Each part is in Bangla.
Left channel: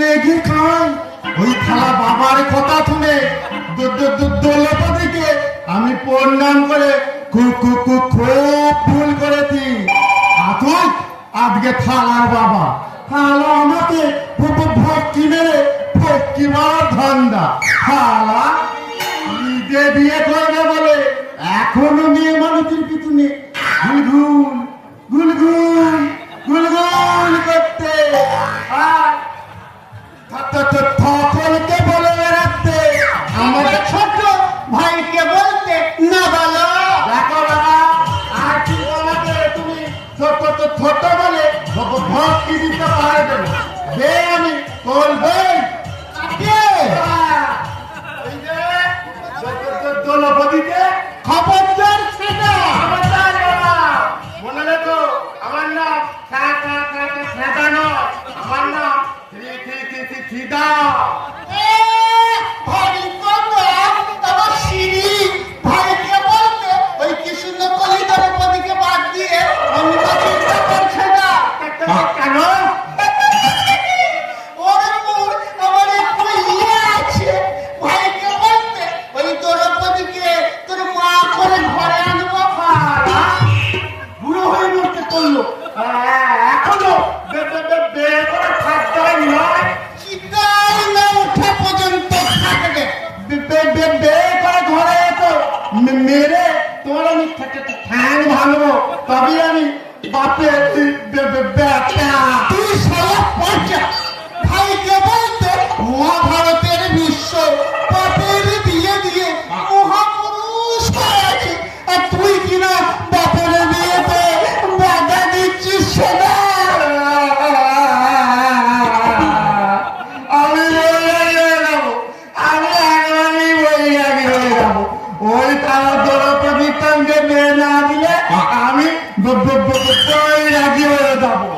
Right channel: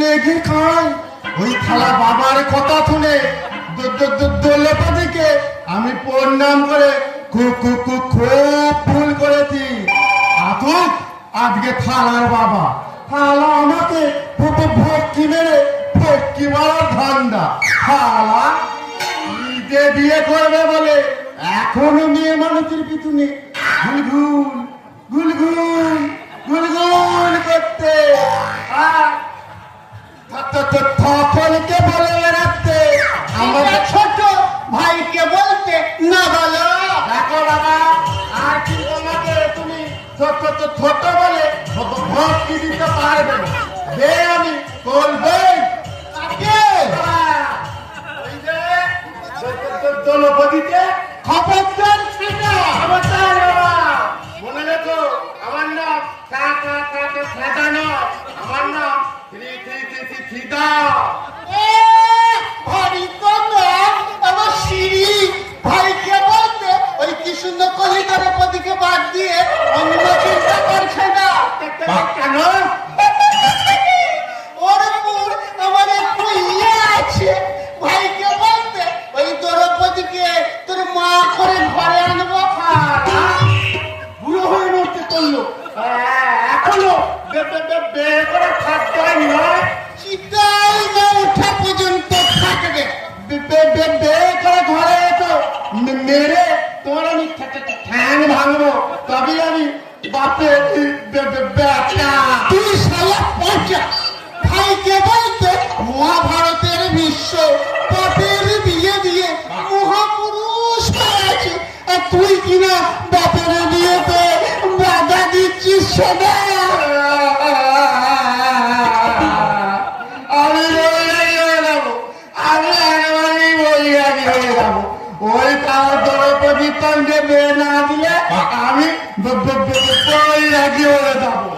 লেগে খায়। ওই থালা বাবার কথা শুনে দৌলতদিকে আমি প্রণাম করে খুব ভুল করেছি। আতুক আজকে থালার বাবা থালা আমাকে ভক্তি মেরে ভক্তি মারার ধান্দা। থালা নিজে বিয়ে করবে বলে এখনো মেয়ে মানুষের পিছনে গুলগুল গুলগুল গুলগুল করতে সকলকে বলে বেড়াতে আমাদের ছোট ভাইকে বলতে না বলো। দেখো বাবা আর কি তোমাকে তুমি ছোট বলে ভক্তি দিতে পারবে না। যে আমি বলবো দলপতিতে খবরদার ছেড়ে মনে রেখো আমার নাম সাদা নয়, আমার নাম সিদা। ভাইকে বলতে ওই কি সুন্দর কলিতার পদিকে বাদ দিয়ে অন্য চিন্তা করছে না কেন? মেরে তোর আমি ঠ্যাং ভাঙবো তবে আমি বাপের বেটা। তুই শালা বাচ্চা ভাইকে বলতে মহাভারতের বিশ্ব বাপের বিয়ে দিয়ে মহাপুরুষ আছে আর তুই কিনা বাপের বিয়েতে বাধা দিচ্ছিস না। আমি রাজি হয়ে যাবো।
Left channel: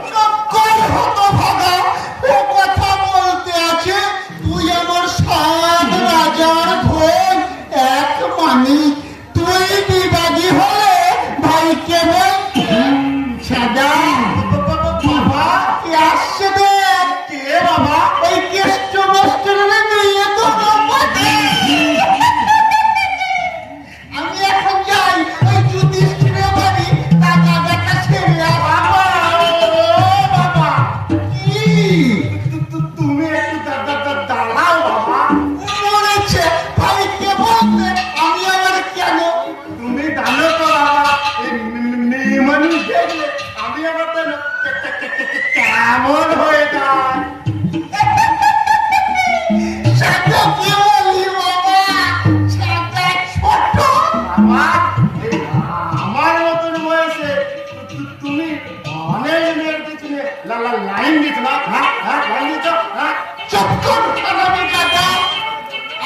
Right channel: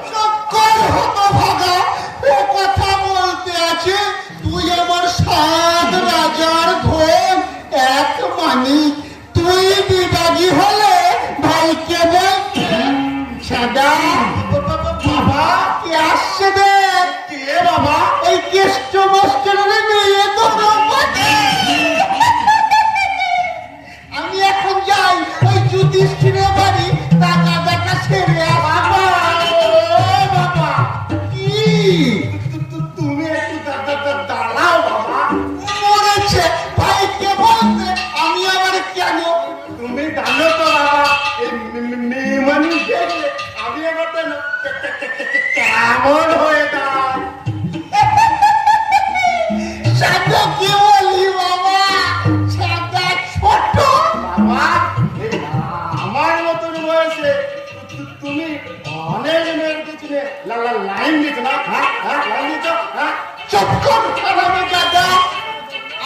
কথা বলতে আছে তুই আমার সাত রাজার ভোগ এক মানি তুই বিবাদী হলে ভাইকে বাবা কে আসছে রে? কে বাবা? এই কেষ্ট বস্তুর নিয়ে তো আমি এখন যাই ওই যুধিষ্ঠিরের বাড়ি টাকা দেখা ছেড়ে আসবো। বাবা কি তুমি একটু দাঁড়াও বাবা। মরেছে ভাইকে বলতে আমি আবার কেন? তুমি জানো তো বাবা মেয়ে মানুষ দেখলে আমি আবার কেমন হয়ে যায়। আমার মতন বয়সে তুমি অনেক মেয়ের পিছনে লাইন দিত না? লাইন দিত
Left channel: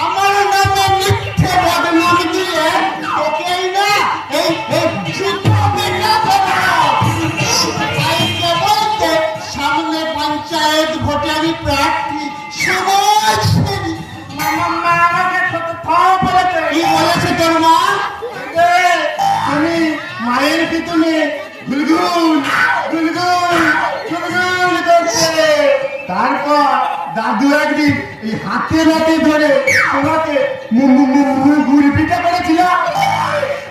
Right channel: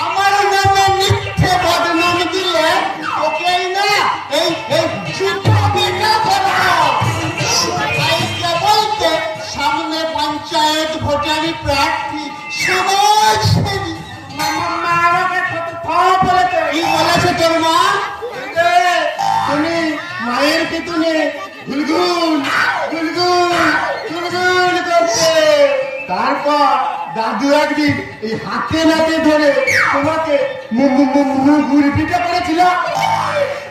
আমার নামে মিথ্যে বদনাম দিলে তোকে বলতে সামনে পঞ্চায়েত ভোটের প্রার্থী তুমি মায়ের পিছনে গুলগুল গুলগুল গুলগুল করছে। তারপর দাদু একদিন এই হাতে নাতে ধরে তোমাকে মুড়ি পিঠা করেছিল।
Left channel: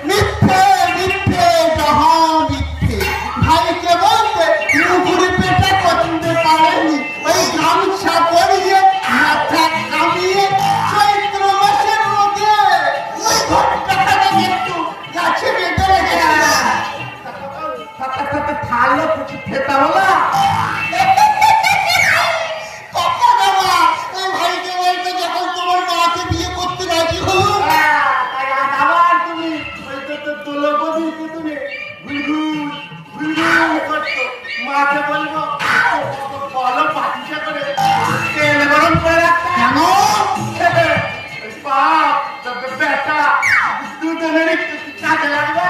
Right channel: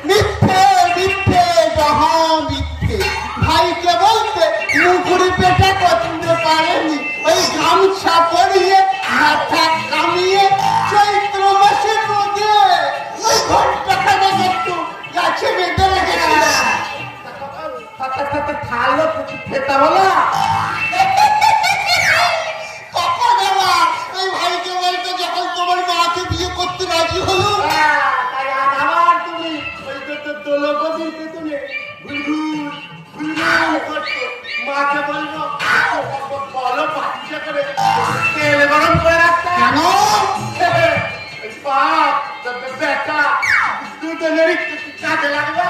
মিথ্যে মিথ্যে মহা মিথ্যে। ভাইকে বলতে মুড়ি পিঠা করতে পারেনি। ওই গামছা পরিয়ে মাথা কামিয়ে চৈত্র মাসের মধ্যে ঘটটাকে একটু গাছে বেঁধে রেখেছিল। খালো কিছু খেতে বলা ভাইকে বলতে যখন তোমার মাকে বিয়ে করতে রাজি হল আবার তুমি দলপতিকে তুমি গুলগুল গুলগুল করছো। মাকে বলবো বলো পাঠিয়ে করে তেল গরম করে রাখতে কেন? বেটা দুজনেরই কাজে লাগবে।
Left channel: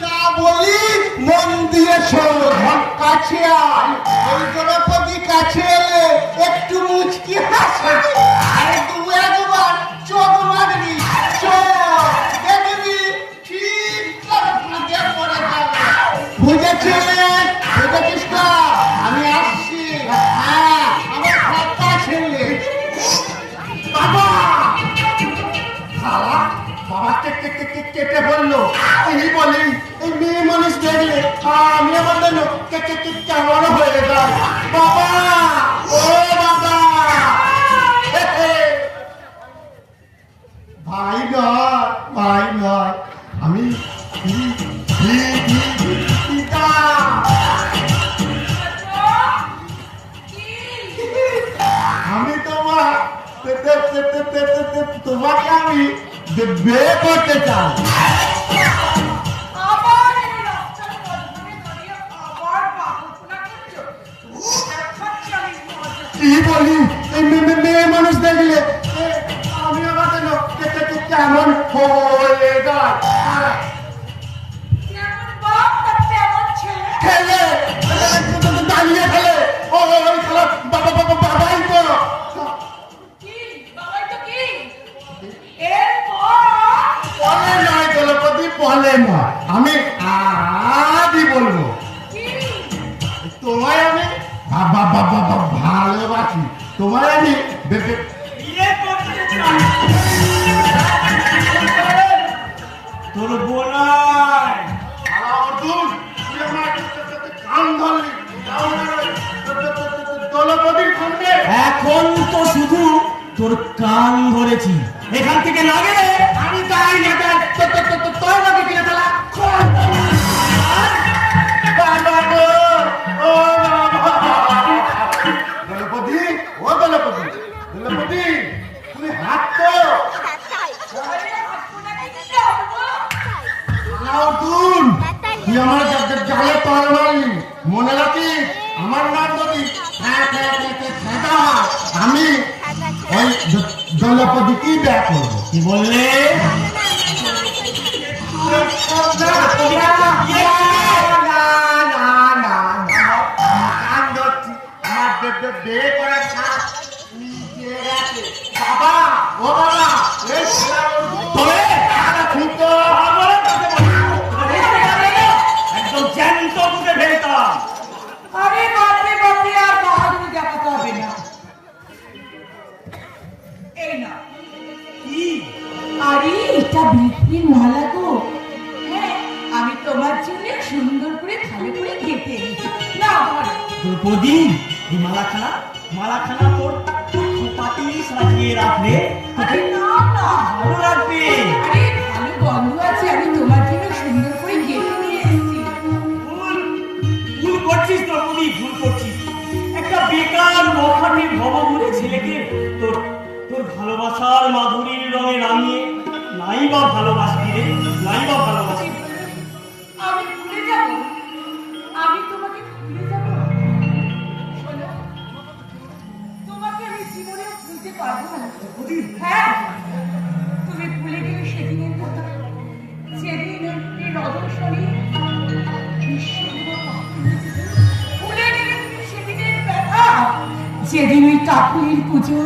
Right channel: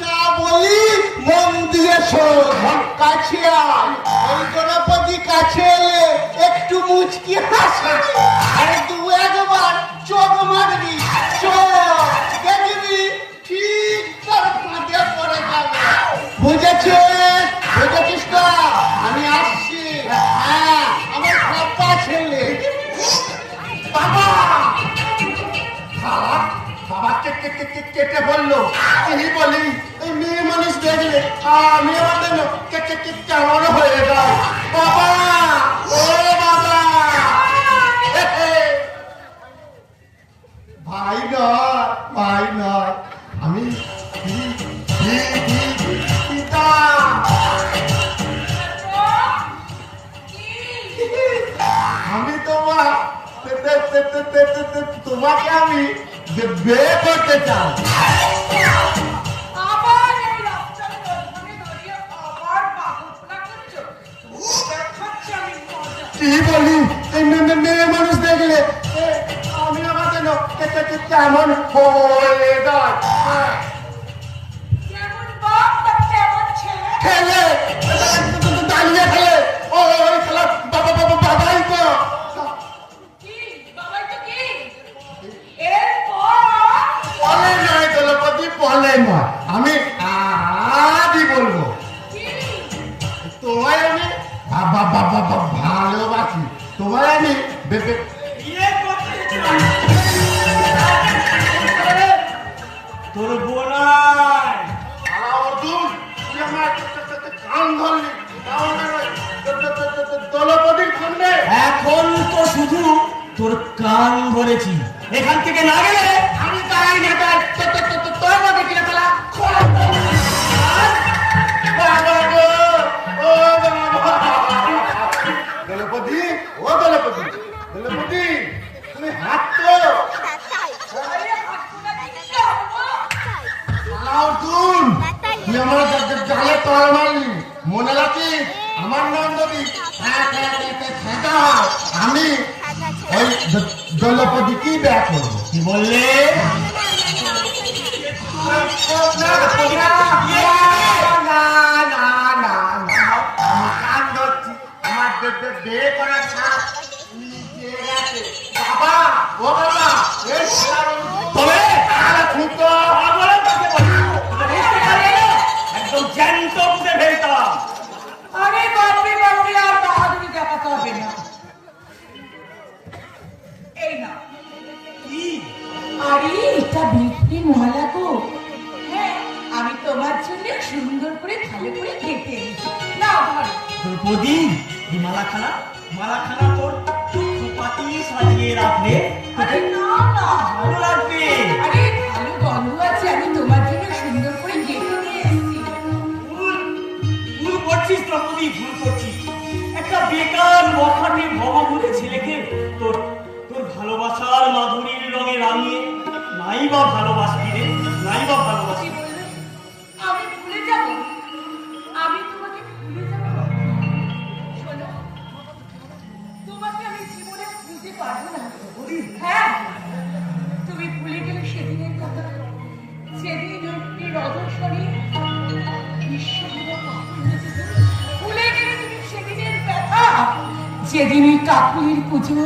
যা বলি মন দিয়ে শোন। কাছে আয়। ওই দ্রৌপদী কাছে এলে একটু মুচকি হাসে আর দু একবার চোখ মারবি। চোখ দেখবি ঠিক ফাঁদে পড়ে যাবে। বুঝেছিস? বুঝেছিস না? আমি আসছি। কেটে বললো তিনি বলি এই মেয়ে মানুষ দেখলে আমি আমার যেন কেমন হয়ে যাও বাবা ও বাবা ভাই নয় আমি পিতা আমি তোমাকে আমি বিয়ে করতে চাই কি বলি এই মেয়ে মানুষ দেখলে আমি আমার যেন কেমন হয়ে যায় খেলে দাঁড়িয়ে খেলে ওই খেলা বাবাই তো বলে নয় দলপতি বলে নয় আমি আদি বলবো তোমায় আমি ভালোবাসি তোমায় আমি তোর বোনাই দলপতির সঙ্গে এখন তো শুধু তোর কান ধরেছি এখান থেকে না গেলে আমি যাই না তোর মধ্যে কিনে ফেলা দলপতি তুমি হাত তো তুই আমার জালে তল মারলি মনে রাখিস আমার নাম যদি আমি ওই দলপতি কি ব্যয় করবো কি বললে বিয়ে করার বাবা ও বাবা একদম জ্যান্ত করে ফেলতাম দেখাতে হবে না এই না কি আরে এটা বিক্রির মালা তো হ্যাঁ আমি তোমার জন্য সুন্দর করে ভালো করে গেঁথে এনেছি না দ্রৌপদী এই মালাখানা তোর খোপাটি সাজিয়ে রাখলে আরে না না ভালো লাগবে আরে ভালো গন্ধ আছে আমি তোমার জন্য সুন্দর করে গেঁথে নিয়ে এসেছি ভুল করছিস দ্রৌপদী ভুল করছিস একটা বেকার লখাটে ভবাবুড়ে ছেলেকে তোর ভালোবাসার মাধুরীর রঙে রাঙিয়ে নাই বা ভালোবাসবি রে নাই বা ভালোবাসি আমি ভুলে যাব আমি তোমাকে ভুলে যাব শোনো তোমাকে আমি জীবনে ভুলতে পারবো না হ্যাঁ তুমি ভুলে গেলে সেদিনের কথা যেদিন একটি রদর্শনী ভুলে গেলে তুমি সেদিনের ব্যথা যেদিন ওই কাকুলির পুজো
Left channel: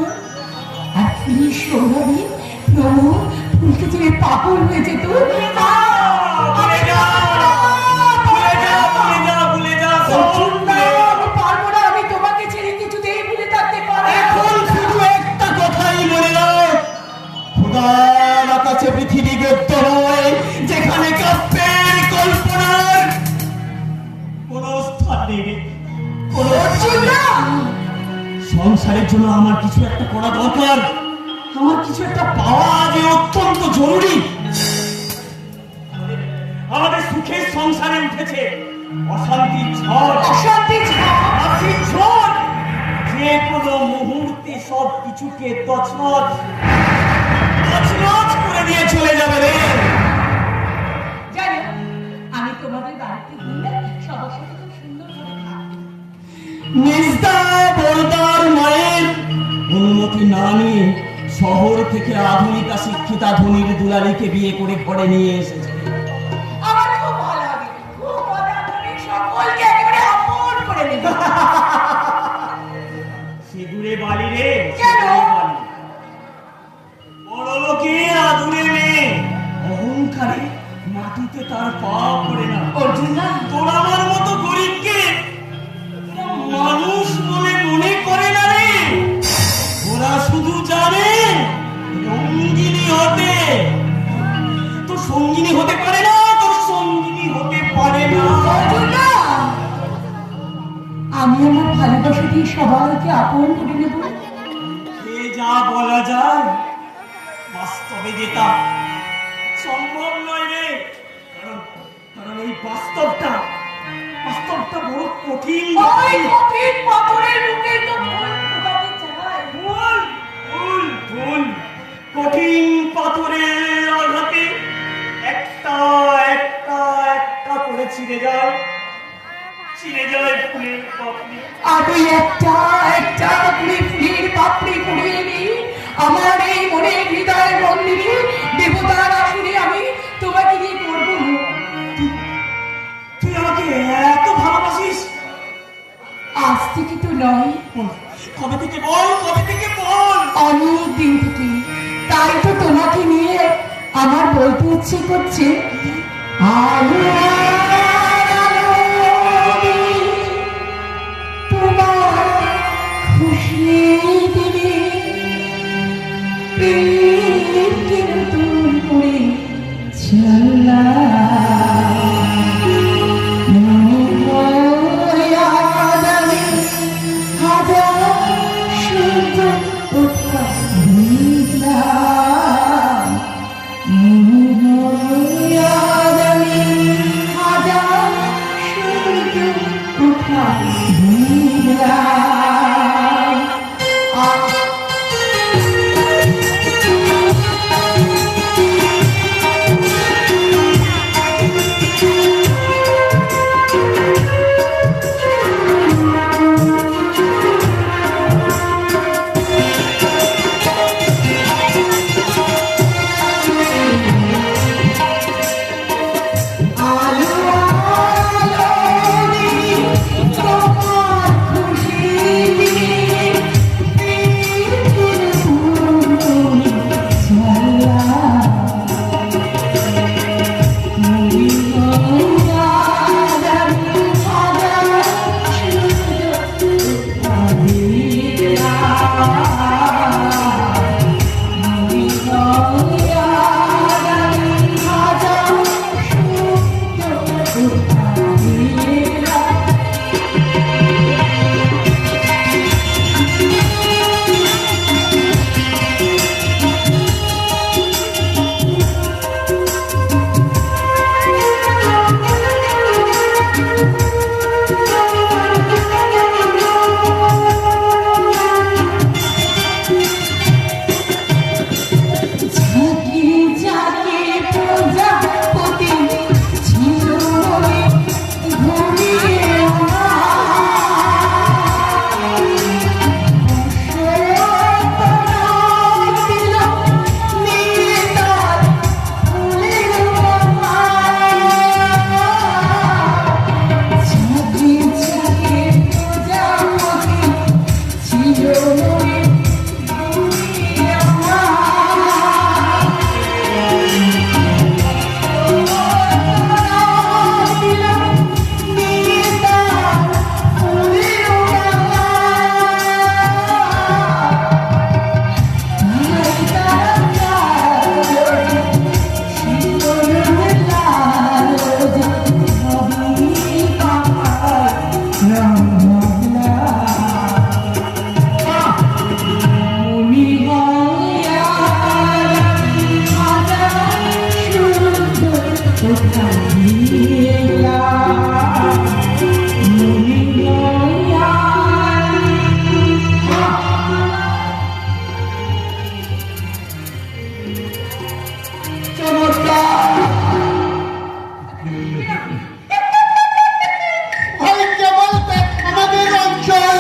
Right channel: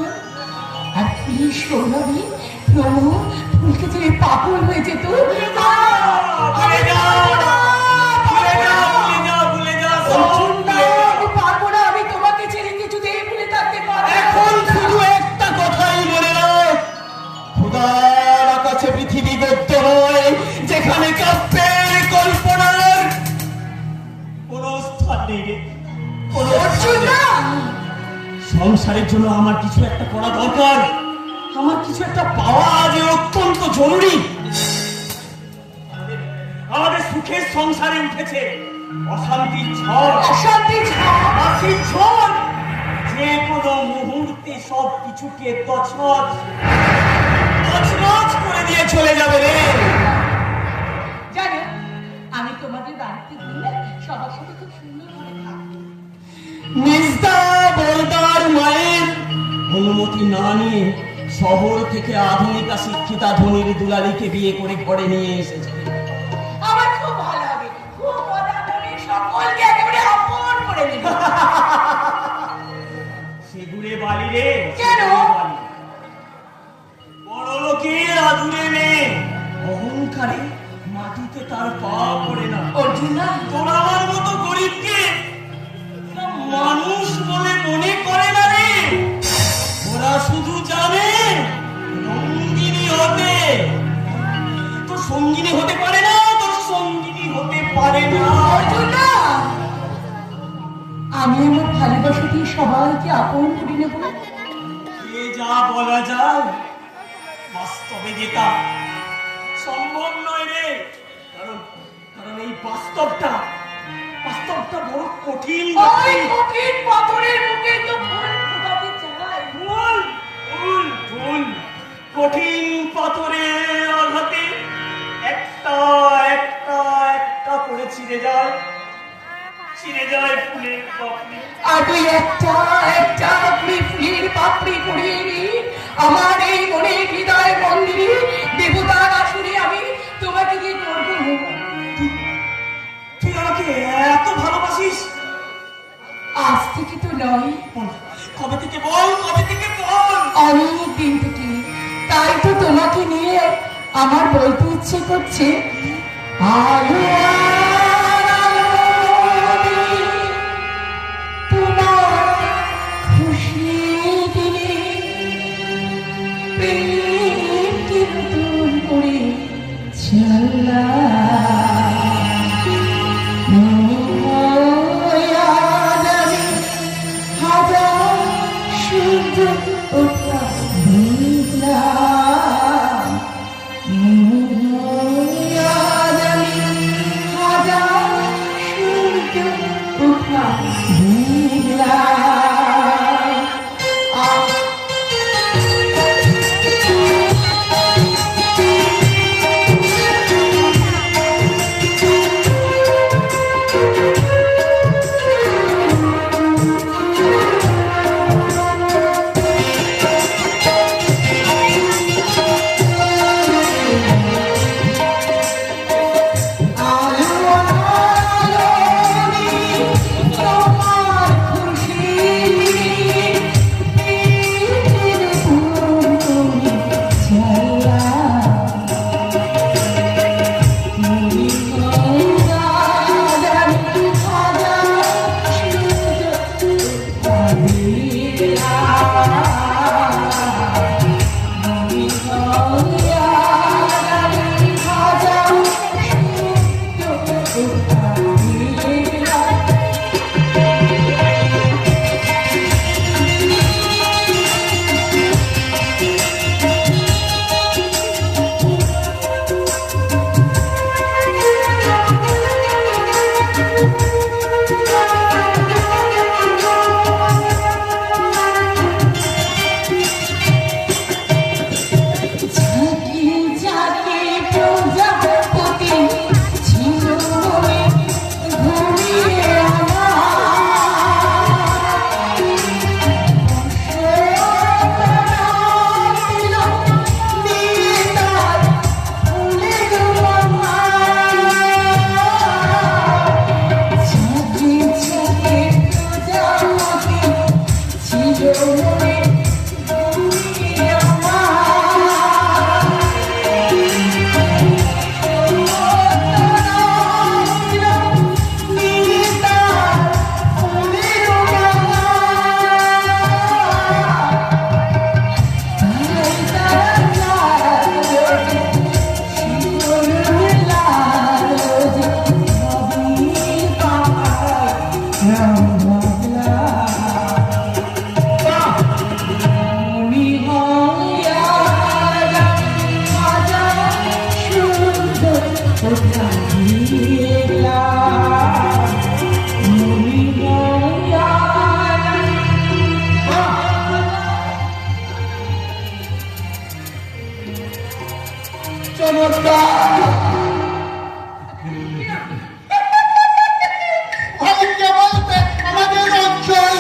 আর পুলিশ সৌরভী প্রমো ফুলকে যে পাগল হয়ে যেত পারবো না আমি তোমাকে ছেড়ে কিছুতেই ভুলে থাকতে পারবো এখন শুধু একটা কথাই মনে রাখ খোদার আকাশে পৃথিবী গদ্য নয় যেখানে কাব্যের কল্পনার কোন স্থান নেই রে। সংসারের জন্য আমার কিছু একটা করা দরকার আমার কিছু একটা পাওয়া যে অত্যন্ত জরুরি আমাদের সুখের সংসারে উঠেছে অশান্তির ঝড় অশান্তির ঝড় যে কোনো মুহূর্তে সব কিছুকে তছনছ করে দিয়ে চলে যাবে রে জানো আমি তোমাদের বাড়িতে গেলে সবার সাথে খুব সুন্দর করে থাকি নিস্তা বলদার মায়ের অনুমতি না নিয়ে শহর থেকে আধুনিকা শিক্ষিতা ধনীর দুলারিকে বিয়ে করে ঘরে নিয়ে এসেছে আমার খুব ভালো হবে খুব মজা হবে সকলকে একেবারে আপন করে নেব সেগুলে বালি রে কেন? বড় লোকের আদুরে মেয়ে অহংকারে মাটিতে তার পা পড়ে না অর্জুন না তোর আমার মতো গরিবকে মানুষ বলে মনে করে না রে ওরা শুধু জানে রঙ্গিনী হতে তো সঙ্গিনী হতে পারে না, তোর সঙ্গিনী হতে পারে না। না, আমি আমার ভালোবাসা দিয়ে সবাইকে আপন করে নেব। এ যা বলা যায়, বাস্তবে যেটা সম্ভব নয় রে। কারণ কারণ এই বাস্তবটা বড় কঠিন। ওই কঠিন পাথরের মুখে তো ফুটাতে চাই। ভুল ভুল ভুল। কঠিন পাথরের আঘাতে একটা একটা একটা করে ছিঁড়ে যায় ফুলের পাপড়ি। আর ওই একটা একটা করে ফুলের পাপড়ি পড়িয়ে দিই আমার এই মনের হৃদয় মন্দিরে দেবতার আসলে আমি তোমাকে কি করবো? তুই আমাকে এত ভালোবাসিস? আজ থেকে তো নয়, কবে থেকে বল, কবে থেকে বল। অনেক দিন থেকে। তাই তো তোমাকে নিয়ে আমার বলতে ইচ্ছে করছে, আলো তোমার খুশি দিলে প্রেমকে নতুন করে চাল্লা মনে হয় আদারে হাজার সূর্য ওঠা মেঘলা মনে হয় আদারে হাজার সূর্য ওঠা মেঘলা। ভাগ্যে বলতে আমাদের অঞ্চল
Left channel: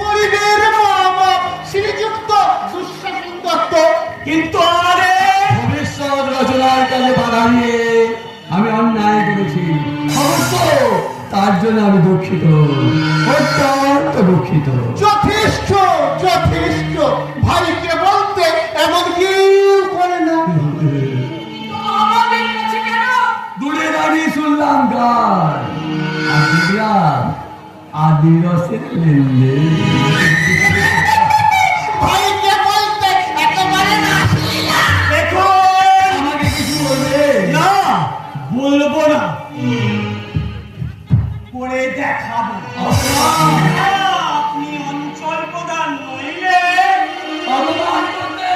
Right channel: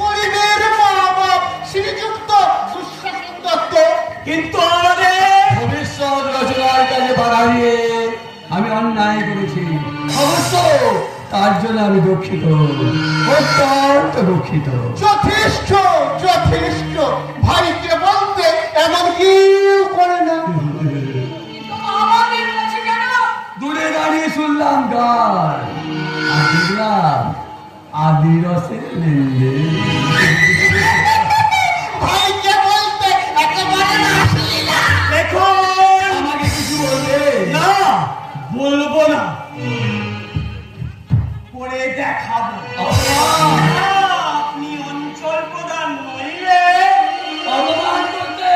গরিবের মা বাপ শ্রীযুক্ত সুশাসন দত্ত। কিন্তু আমাদের ভবিষ্যৎ রচনার কাজে বাধা দিয়ে আমি অন্যায় করেছি, অবশ্য তার জন্য আমি দুঃখিত, অত্যন্ত দুঃখিত। যথেষ্ট যথেষ্ট। ভাইকে বলতে এমন কেউ করে না। আমাদের কাছে কেন? দূরে দাঁড়িয়ে শুনলাম গান আর দেখলাম আদি রসের লেনদেন। ভাইকে বলতে একেবারে না। দেখো, আমাকে কিছু বলে না বলবো না, করে দেখাবো। আপনি অঞ্চল প্রধান নইলে অপমান করছে।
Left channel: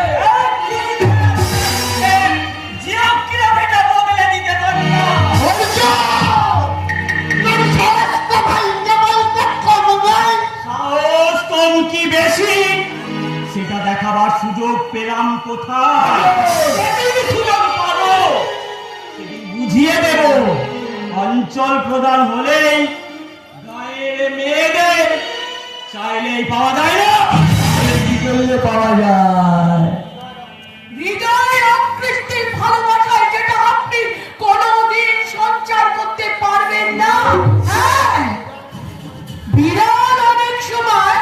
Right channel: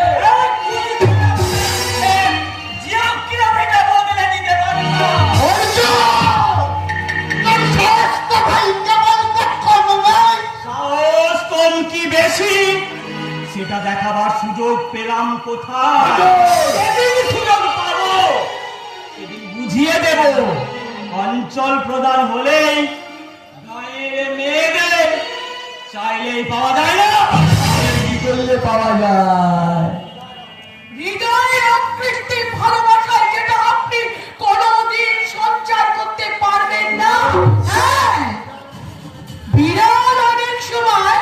জিরাফ এটা বদলে দিতে পারি না। সাহস কম কি বেশি সেটা দেখাবার সুযোগ পেলাম কোথায়? সেদিন সুযোগ পাবো, সেদিন বুঝিয়ে দেব। অঞ্চল প্রধান হলেই গায়ের মেয়েদের চাইলেই পাওয়া যায় না, কি করলে পাওয়া যায়? হৃদয় অকৃত্রিম ভালোবাসায় যেটা আপনি কোনোদিন সঞ্চার করতে পারবেন না। হ্যাঁ, বিড়াল অনেক সময়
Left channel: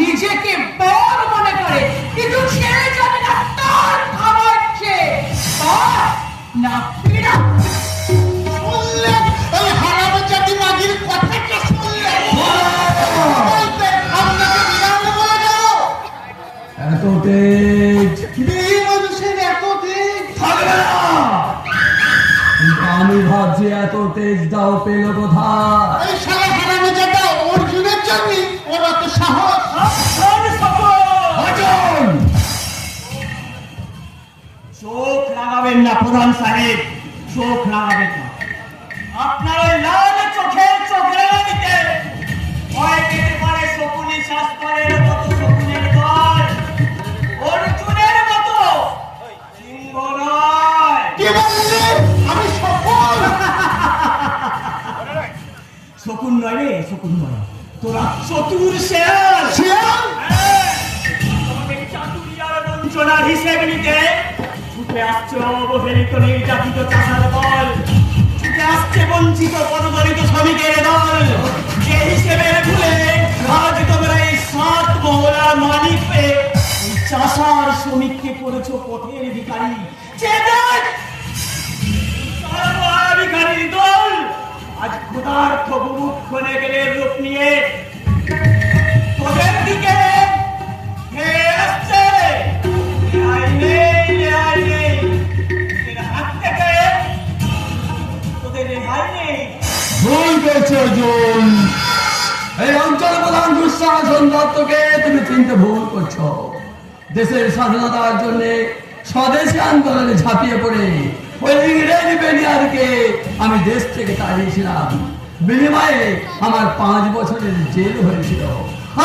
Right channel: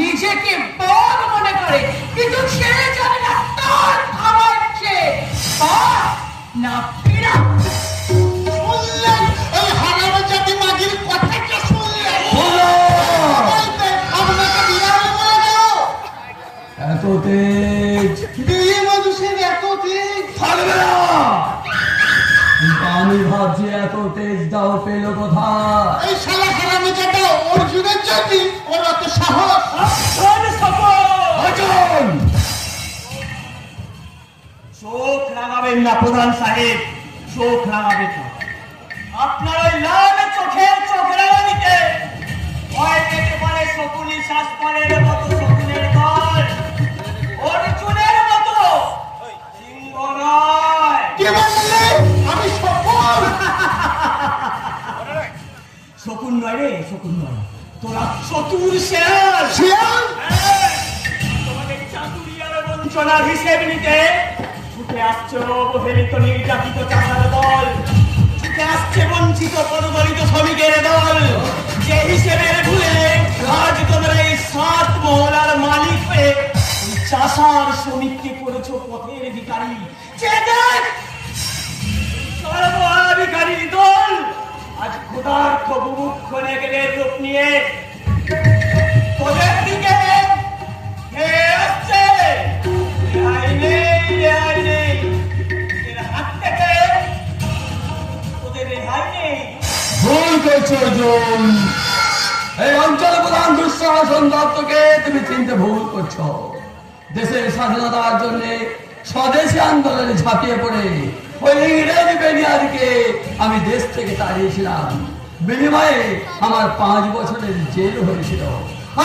নিজেকে বড় মনে করে, কিন্তু সে জানে না তার খাবার খেয়ে তার না বিড়াল। শুনলেন এই হারানো জাতি মাগির কথাটা শুনলেন? আপনাকে বিরাম বলে দেবো। এত তেজ মেয়ে মানুষের এত দিন থাকবে না। কিন্তু আমি ভাবছি এত তেজ দাও পেল কোথায়? এই শালা হারানো জাতি অর্জুনের জন্য ওর অত সাহস। অর্জুন! চোখ লাগাবেন না প্রধান সাহেব, চোখ লাগাবেন না। আপনার ওই লাল চোখের চোখরানিতে ভয় পেতে পারে শকুনি শাস্ত্রের মতো শকুনের দল, অর্জুনের মতো সিংহ নয়। কে বলছে আমি সফল? শকুন নয় রে, শকুন নয়, তোরা চতুর শেয়াল। শিয়াল? হ্যাঁ, তোমাদের চাতুরিয়ার বঞ্চনার হিসেব নিতে ছুটে আসছে অবহেলিত নির্যাতিত চাষার দল, ছুটে আসছে বঞ্চিত পদদলিত শ্রমিকের দল, যে হিসেবের ভুলে আজ তোমরা এই 7 মহলার মালিক পেয়ে এই চাষার শ্রমিককে করেছো পথের ভিখারি। চেনেন? সর্বহারা ভিখারির দল আজ ক্ষুধার্ত বুভুক্ষ নেগেলের রূপ নিয়ে তোদের দিকে ধেয়ে আসছে। রেহাই নেই, রেহাই নেই, তোদের হাত থেকে তোদের রেহাই নেই। ভুল করছো অর্জুন। এই অঞ্চল প্রধান দুঃশাসন দত্তকে তুমি চিনতে ভুল করছো। দেশের স্বাধীনতার জন্য স্বদেশী আন্দোলনে ঝাঁপিয়ে পড়ে ওই ইংরেজ বেনিয়ারকে আমি দেশ থেকে তাড়িয়েছিলাম। বিনিময়ে আমার 5 বছরের জেল হয়েছিল।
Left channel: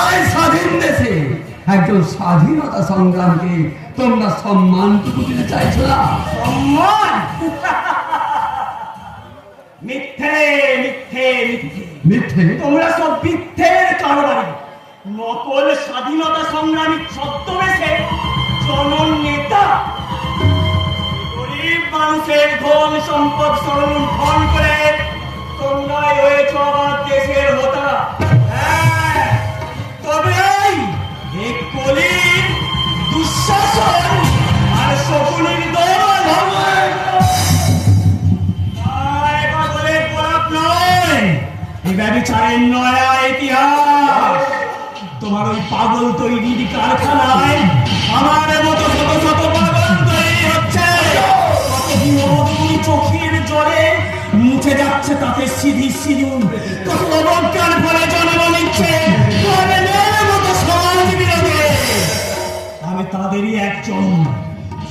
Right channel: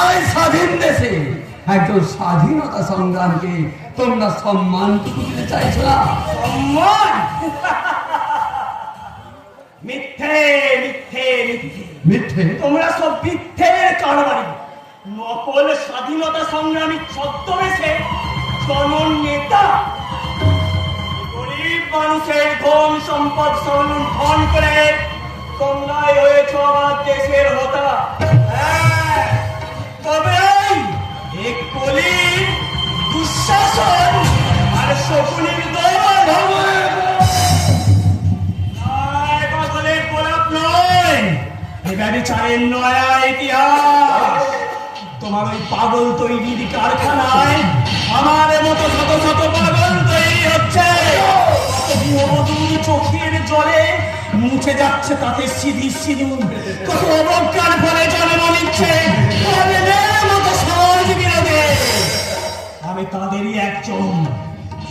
আর স্বাধীন দেশে একজন স্বাধীনতা সংগ্রামকে তোমরা সম্মানটুকু দিতে চাইছো না। সম্মান? মিথ্যে, মিথ্যে, মিথ্যে। মিথ্যে? তোমরা সব মিথ্যের কারবারি। নকল স্বাধীনতা সংগ্রামী ছদ্মবেশে জননেতা গরিব মানুষের ধন সম্পদ সংরক্ষণ করে তোমরাই হয়েছ আমার দেশের হোতা। হ্যাঁ, তবে এই কলির দুঃশাসন আর শকুনির দল পাগলের পরাপ নয়, এই ব্যভিচারের নয়া ইতিহাস। তোমার ওই পাগল তৈরির কারখানায় আমার মতো শত শত পাগল তৈরি হচ্ছে। চোখের জলে মুছে যাচ্ছে তাতে সিধি সিধু, কত অবজ্ঞার ফলে জন্ম নিচ্ছে সমাজ বিরোধী। আমি তাদেরই একজন।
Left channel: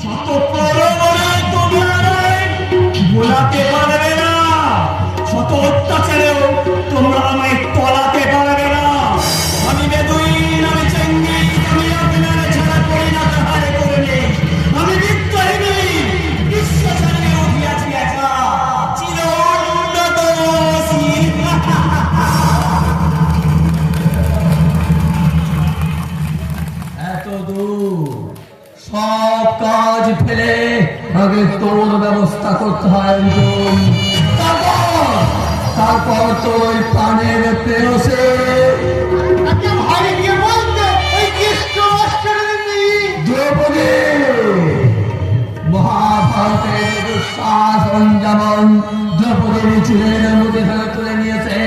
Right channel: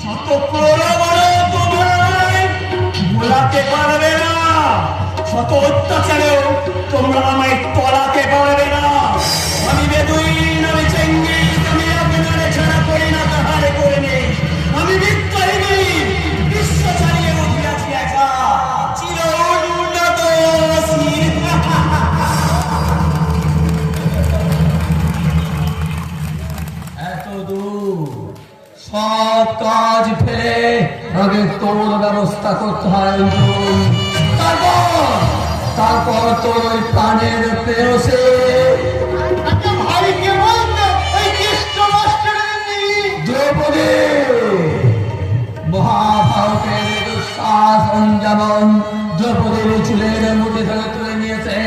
শত বড় বড় তোমরা বোলাতে পারবে না, শত অত্যাচারেও তোমরা আমায় তলাতে পারবে না। আমি বেদুইন, আমি চেঙ্গিস, আমি আপনারা ছাড়া করি না, তাহারে করে নেই। আমি বিদ্রোহী নই, বিশ্ব ছাড়িয়ে উঠিয়াছি একা, চির উন্নত শির। এত দূর সব কাজ ফেলে আগে তোর ব্যবস্থা করতে হয় অর্জুন। তারপর তোর প্রাণের প্রেয়সে আচ্ছা ভাইকে বলতে এই জ্যেষ্ঠ মাস্টারের মেয়ে দ্রৌপদী মহাভারতের দুঃশাসন যেমন দ্রৌপদীর চুলের মুঠে ধরে তুলে নিয়েছে,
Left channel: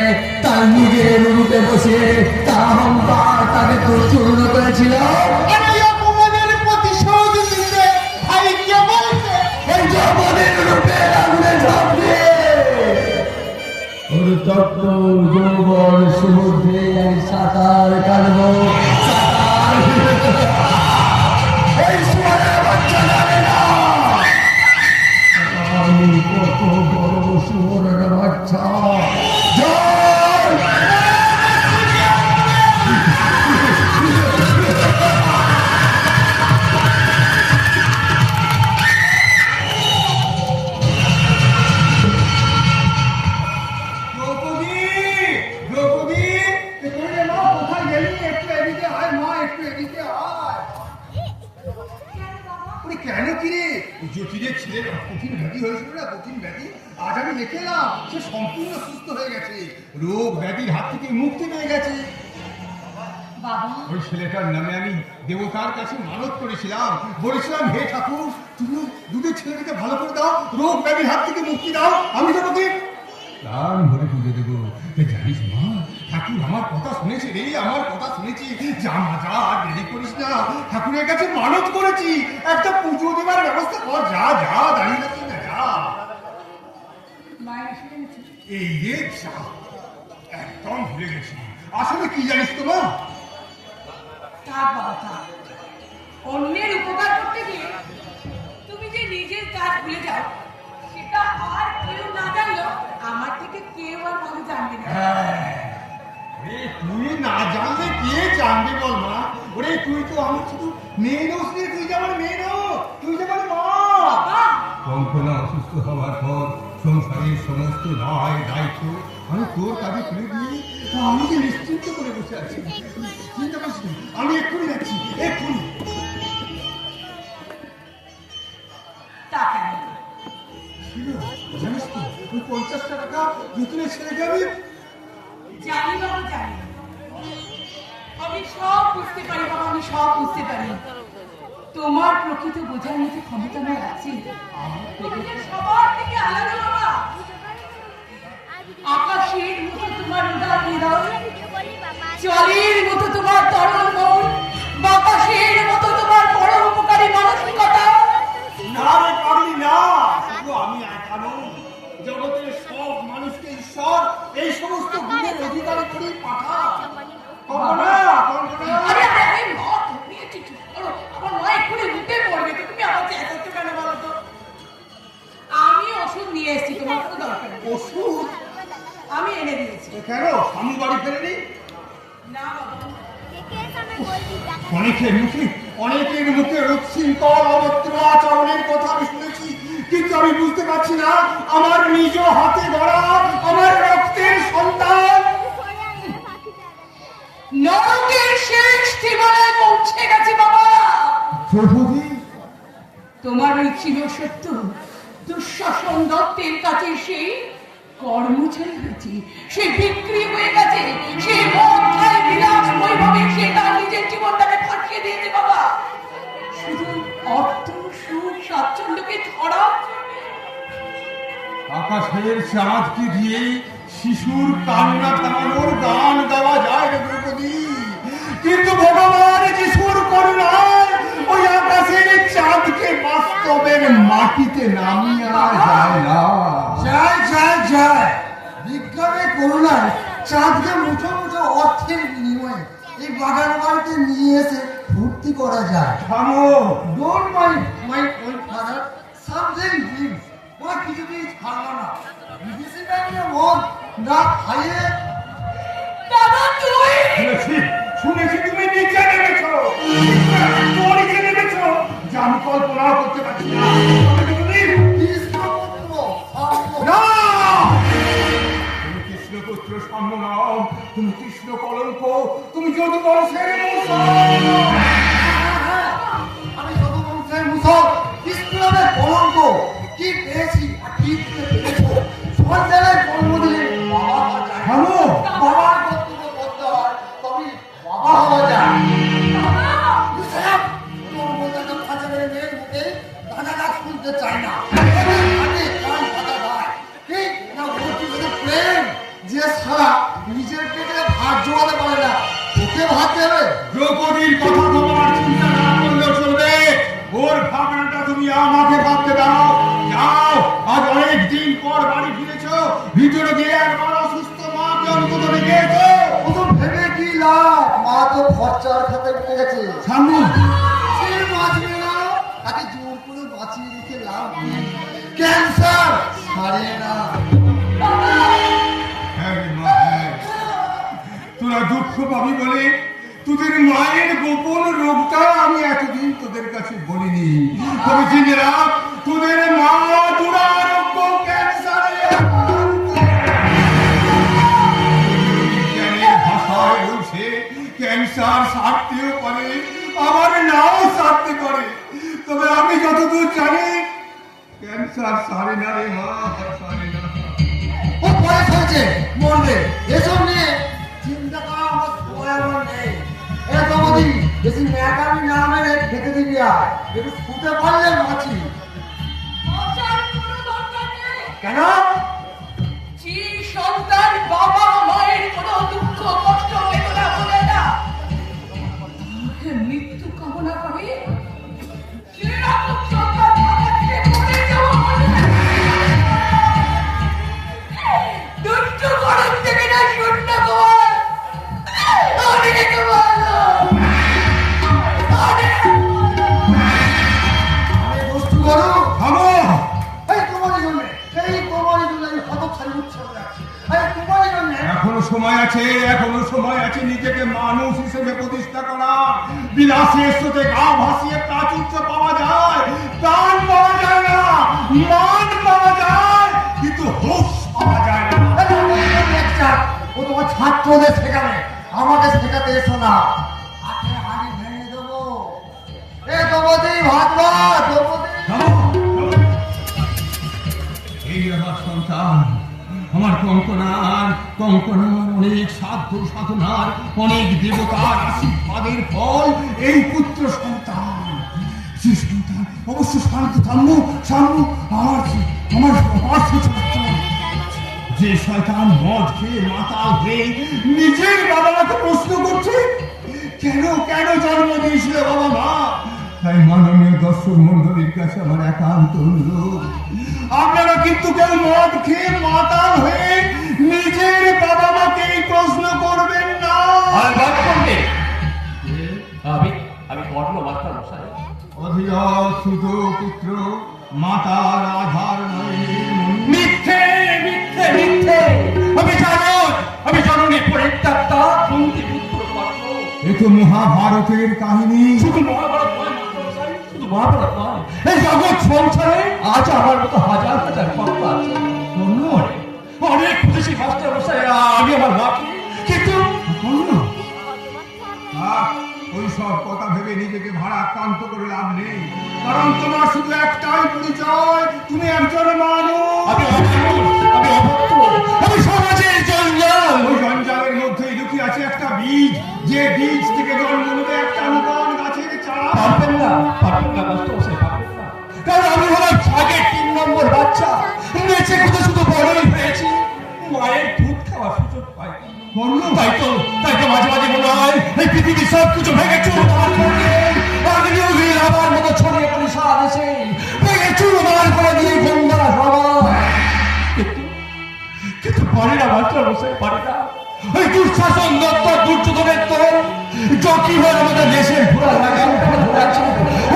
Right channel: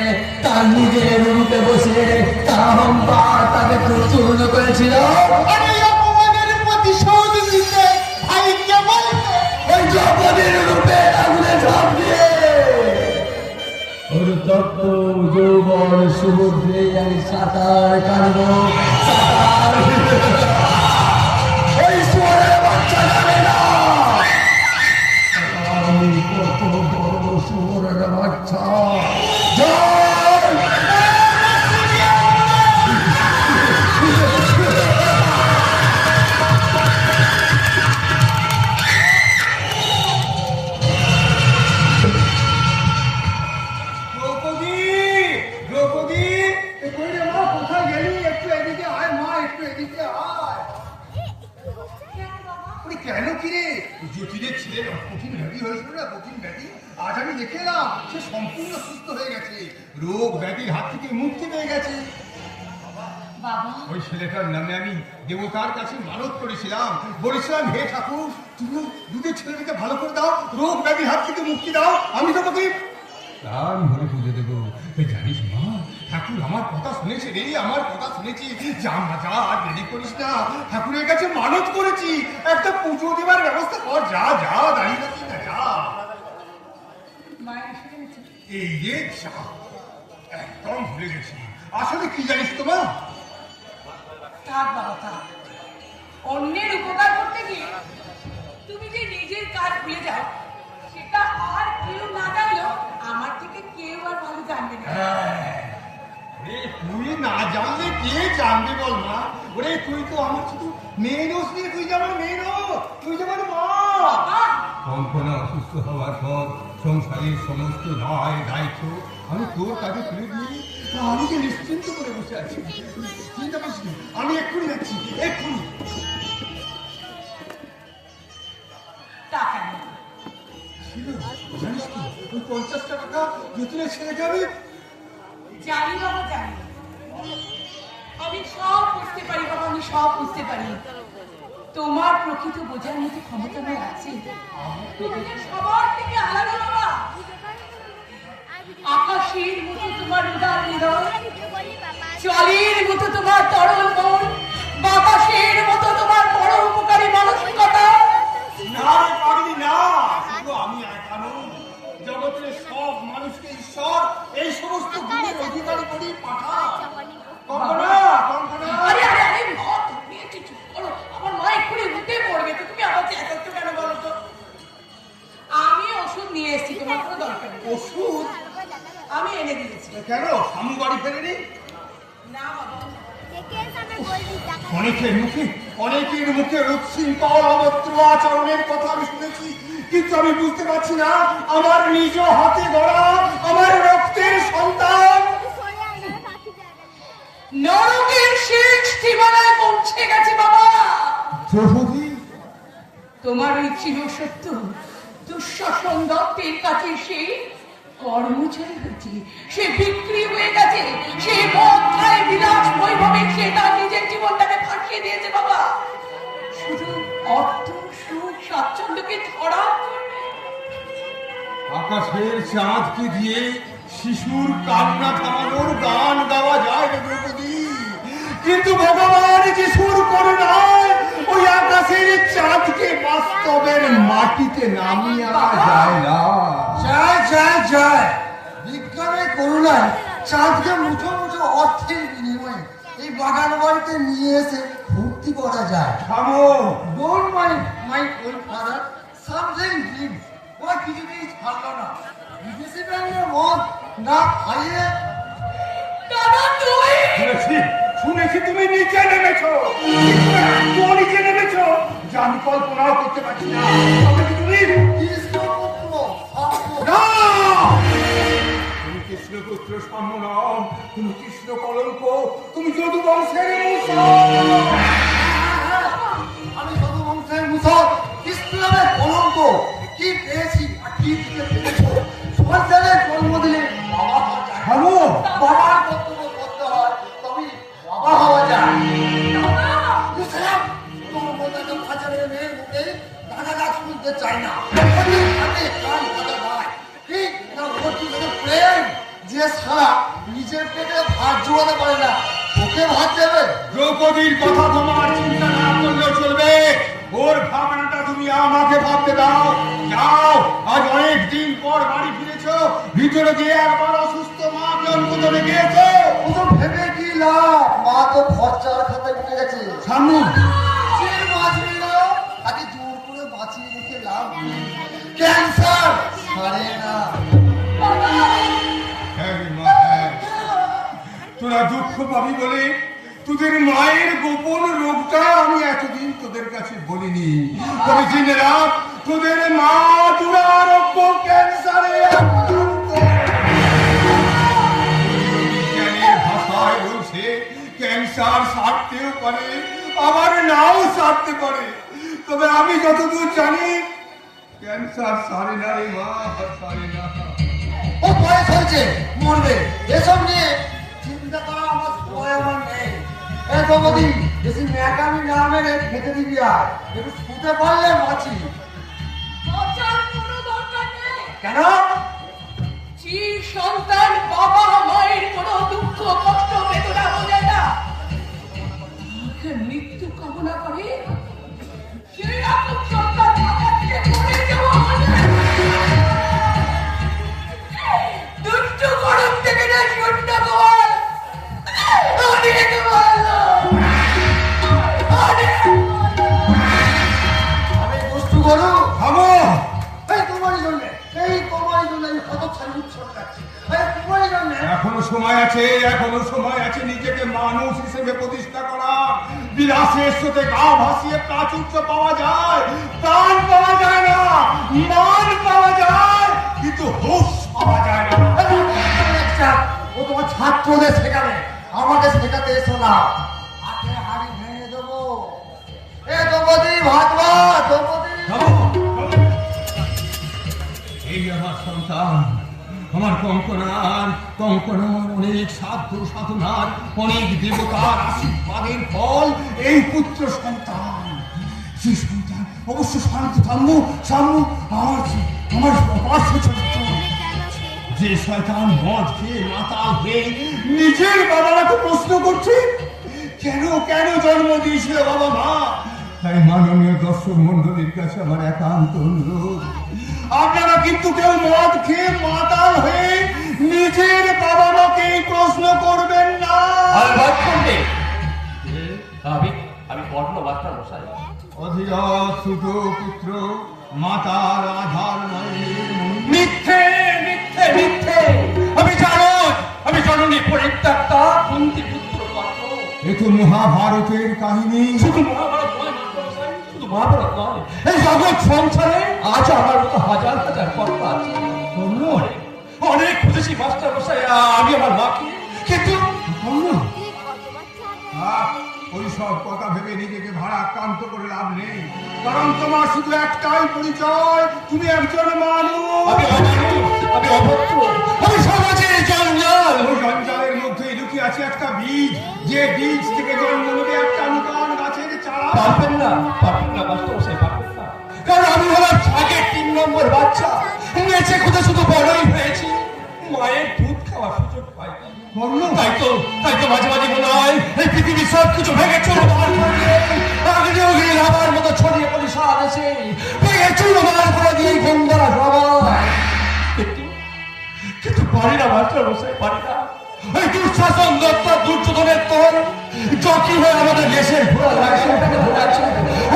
তার নিজের রূপে বসে তার অহংকার তাকে প্রচূর্ণ করেছিল। আমি অপমানের প্রতিশোধ নিতে ভাইকে বলতে ওই দ্রৌপদীর রূপে আগুনে ঝাঁপ দিয়ে দেখে এলাম সে সম্পূর্ণ সুস্থ হয়ে গেছে, রোগ ব্যাধির হাত থেকে মুক্তি পেয়ে গেছে। বাবা, ওই ছেলেটার নামে আমি দেবতার কাছে মানত করেছিলাম, বলেছিলাম হে ঠাকুর তুমি দুটো ছেলেটাকে ভালো করে দাও, রোগ ব্যাধির হাত থেকে মুক্তি দাও, আমি তোমাকে প্রাণ ভরে পুজো দেবো। জানিস মা, ঠাকুর আমার কথা শুনেছে রে, আমার কথা শুনেছি। যা মা যা, আর দেরি করিস না, ঠাকুরের কাছে মানত করেছি, একটা পুজো দেবার ব্যবস্থা কর। যা যা, দাঁড়িয়ে রাখি না, যা। মায়ের এসে গেছে। এই যে যা, একদম ভুলে গেছি। আসলে কি জানিস তো মা, থাক বাবা থাক, অন্যের উপকার করতে গিয়ে তুমি যে নিজের কাজ ভুলে যাও, সেটা আর কেউ না জানলেও আমার থেকে কেউ আর ভালো জানবে না। রে তুই না জানলে কে জানবে বল মা? ওরে তুই তো আমার শুধু মেয়ে নোস রে, তুই যেমন মেয়ে নো, তুই যেমন মা। বাবা, কঙ্কনা অসুস্থ হওয়ার পর সংসারের সমস্ত দায় দায়িত্ব আমি তোর কাছে তুলে দিয়ে আমি যে নিশ্চিন্ত করে বসে আছি। চিন্তা করিস না, আমি এক্ষুনি যাচ্ছি, এক্ষুনি। টাকা নেই। জানিস তো তুই 50টা টাকা যতনে ছেড়ে যাবে। জানি বাবা জানি, আমি সব বুঝতে পারি বাবা, আমি সব বুঝতে পারি। তোমার প্রকৃত বোঝার মতো ক্ষমতা আমার আছে। তুমি যে সবার থেকে আলাদা বাবা। আকাশের মতো তোমার উদার হৃদয়, জলের মতো তোমার তরল মন, বাতাসের মতো তোমার পরোপকারী মানসিকতা। না রে পাগলি না, শুধু আমি একা নই, জগতের সব মানুষকে ঈশ্বর এই সমস্ত গুণের অধিকারী করে পাঠা। কঙ্কনা, কঙ্কনা। আরে আরে আরে, ঘর তুমি একটু চুপ করো, আমার মা এক্ষুনি উঠে পড়বে তো, তুমি আমার চেঁচাচ্ছ কেন বলো তো? আমি ওষুধ নিয়ে এসেছি, তোমার কোনো দরকার নেই। ওষুধ? আমি এনে দিয়েছি। কেন আমি বাড়ি ফেরেনি? না বাবা, অনেকের মুখে উচ্ছৃঙ্খল অভদ্র আচরণের কথা আমি শুনেছি, কিন্তু আমি বুঝতে পারছি না আমার নিজ হাতে গড়া আমার রক্তের সন্তান নরকের শেষ সীমানায় পৌঁছে গেছে বাবা। দ্রৌপদী, তোমার ওই চিরসত্য দুঃশাসন দত্তের কাছে সেই কর্মচারী হয়েছে, সে বিক্রি হয়ে গেছে, সে মন্ত্রায় বিলাস বৈভবে সে তার নিজের জীবনটাকে ফাঁকিয়ে দিয়েছে বাবা, শুধু অর্থ সুখ স্বাচ্ছন্দ্যকে ছড়াও। আকাশের চাঁদকে দিয়ে শিশুর কান্না থামানোর গান গাওয়া যায় রে দ্রৌপদী, কিন্তু ভগবান যিশুর করুণায় ওই আকাশের চাঁদকে বাস্তবের মাটিতে নামিয়ে যায় না। যায় যায় যায়, বিজ্ঞানের করুণায় চাঁদকে মুঠো মুঠো অর্থের বিনিময়ে এই বাগান বাড়িতে নিয়ে এসে ভর্তি করা যায়। থামো, don't mind my old father, something big. ওই কিছুতেই ছাড়লো না, বিদেশি ব্যাংকের মদ না খাইয়ে। দাদা তুই শুনেছি শুনেছি তুমি নিচে নেমেছো, নিচে নেমেছো, যা আমি কল্পনাও করতে পারছি না। তবে কি তুমি কৃষ্ণপুত্র না, তুমি কৃষ্ণপুত্র সম্মান, তুমি কৃষ্ণ কলঙ্ক, তুমি যদু বংশের আমি শুধু বংশের মুসল, কৃষ্ণের কলঙ্ক। কি পেয়েছি আর কি দিতে পেরেছো? সন্তানের জন্ম দিলে বাবা হওয়া যায়। থামো, বাবার কর্তব্য করতে হয়, তবে বাবা হওয়া যায়। বুঝলাম, তোর মতো একটা বাজারের মেয়ের মুখে দাদা ডাক শুনতে চাই না। ওদের হাতে কান পাতা ভাই, ঠিক না? ওর পিছনে প্রেম, যে সারা নিজের পেটে ভাত জোগাতে পারে না, ওকে ভাত দেবে। দ্রৌপদীর কথা তোমার চিন্তা না করলেও চলবে, ওর ভাবনাটা তুমি আমাকে ভাবতে দাও। যাও, আজ অনেক দিন পর বাড়ি ফিরেছো, ভিতরে গিয়ে একবার অসুস্থ মাকে অন্তত দেখেছো। ওসব ভেবে কি লাভ? মা তো খরচার খেতে ঢুকে গেছে। সামনে সে বাঁচবে না, তাকে জোর করে বাঁচিয়ে রেখে লাভ নেই। ক্যান্সার সারে না। হ্যাঁ রে মা, হ্যাঁ। তোরা দুঃখ পাবি বলে তোদের মায়ের গোপন রোগটা আমি এতদিন তোদের কাছে বলিনি। তবে জেনে রাখ, তোদের মা দুরারোগ্য ক্যান্সারে আক্রান্ত। বিজ্ঞানের ভাষায় বলছে ক্যান্সার সারতেও পারে, আবার নাও সারতে পারে। তবে আমি যতদূর জানি ক্যান্সার সারে না রে মা, সারে না। হয়েছে, মরবে, এসব নিয়ে চিন্তা করা আমার সময় আমার নেই। এ দমদি, বেশি ন্যাকামি না মেরে খেতে দিবি আর একটু শুতে পারলে বাঁচি। বাঁচার কোনো দরকার নেই। কেন? যে সন্তান বাবা মায়ের কোনো দুঃখ কষ্ট বেদনা বলে না, তাকে মৃত্যু কামনা করে, সেরকম সন্তান আমাকে মরে যাওয়া হবে। দুষ্টু গরম থেকে না শূন্য গোয়াল, আমি রেখে আমি দুষ্টু গরু? থামো। এই তোমারই জন্য, এই তোমারই জন্য আমি কত ছাড়ি উঠছে মনে রাখছি। এই তোমারই জন্য। এখনো সময় আছে, এখনো সময় আছে নিজেকে মানুষ হিসেবে প্রতিষ্ঠা করা। বিলাসের সাথে গা ভাসিয়ে প্রাচুর্য পাওয়া যায়, প্রাণ পাওয়া যায় না, মান পাওয়া যায়, কিন্তু হুঁশ পাওয়া যায় না। ও তোমার ছাত্রদের শেখাবে, আমাকে শেখাতে এসো না। হাতে হাড়ি ভেঙে দেবো। এ দ্রৌপদী, ভাগবা দ্রৌপদী। এই আমার সন্তান, আমার কঙ্কনার অনেক সাধ্য সাধনার, অনেক দেবতার আশীর্বাদের ফল এই পুত্র সন্তান। সেই সন্তান অবশ্য শান্ত থাম্য আমার ছাত্র। যে শয়তান মদ খেয়ে মাতাল হয়ে নিজের বাবা মাকে প্রশ্ন করছে, কেন কেন জন্ম দিয়েছিল বাবা মা? তাই মাননীয় দর্শক মন্ডলীর কাছে আমার একান্ত অনুরোধ, আপনারা কিন্তু কেউ মদ খেয়ে মাতাল হয়ে নিজের বাবা মাকে প্রশ্ন করবেন না। আমি বর্ণ মাত্রা বসাই। অধিক সুত পুত্র মাতার আধার নয়। মিথ্যে মিথ্যে মিথ্যে। আমি জননী পরিত্যাক্তা কুন্তি পুত্র গল্প। এ তো মহাভারতের কাহিনী। শুধু মহাভারত নয়, শুধু মহাভারত নয়, এই জগৎ সংসারে আজ আমার মতো হাজার হাজার ভক্ত আছে। অনেক খুশি মাস্টার মশাইরা আমি আমার মাকে, কিন্তু ওই সব কথা ভেবে নিজেকে ভারাক্রান্ত করে লাভ নেই, কারণ তোমার শুধু একটাই পরিচয়, তুমি একজন মানুষ। আমি অভক্ত, আমি সমাজের জঞ্জাল। ওই জঞ্জালের মধ্যে লুকিয়ে আছে একটা বীজ, যে বীজ থেকে জন্ম নেবে একটা নূতন গাছের চারা। পারবেন না মাস্টার মশাই, পারবেন না, কারণ আমি হলাম ভাগের 3 নম্বর বাচ্চা। নেচে খুঁজে শুধু বড়ই হয়েছি, মায়ের দুধ খাওয়ার সুযোগ পাই। তাই তো মাঝে মাঝে মনে হয় এই পৃথিবীর সব কিছু ভেঙে চুরমার করে আমার মতো ছড়িয়ে পড়ি সারা দেশে, ভেঙে চুরমার করে দিয়ে গন্ডারা সবাই। কিন্তু পারি না মাস্টার মশাই, পারি না। এই দুঃশাসন দপ্তর দুর্যোধনের তোর জকি হয়ে আমাদের দেশের ঘোরা ঘোরাচ্ছে,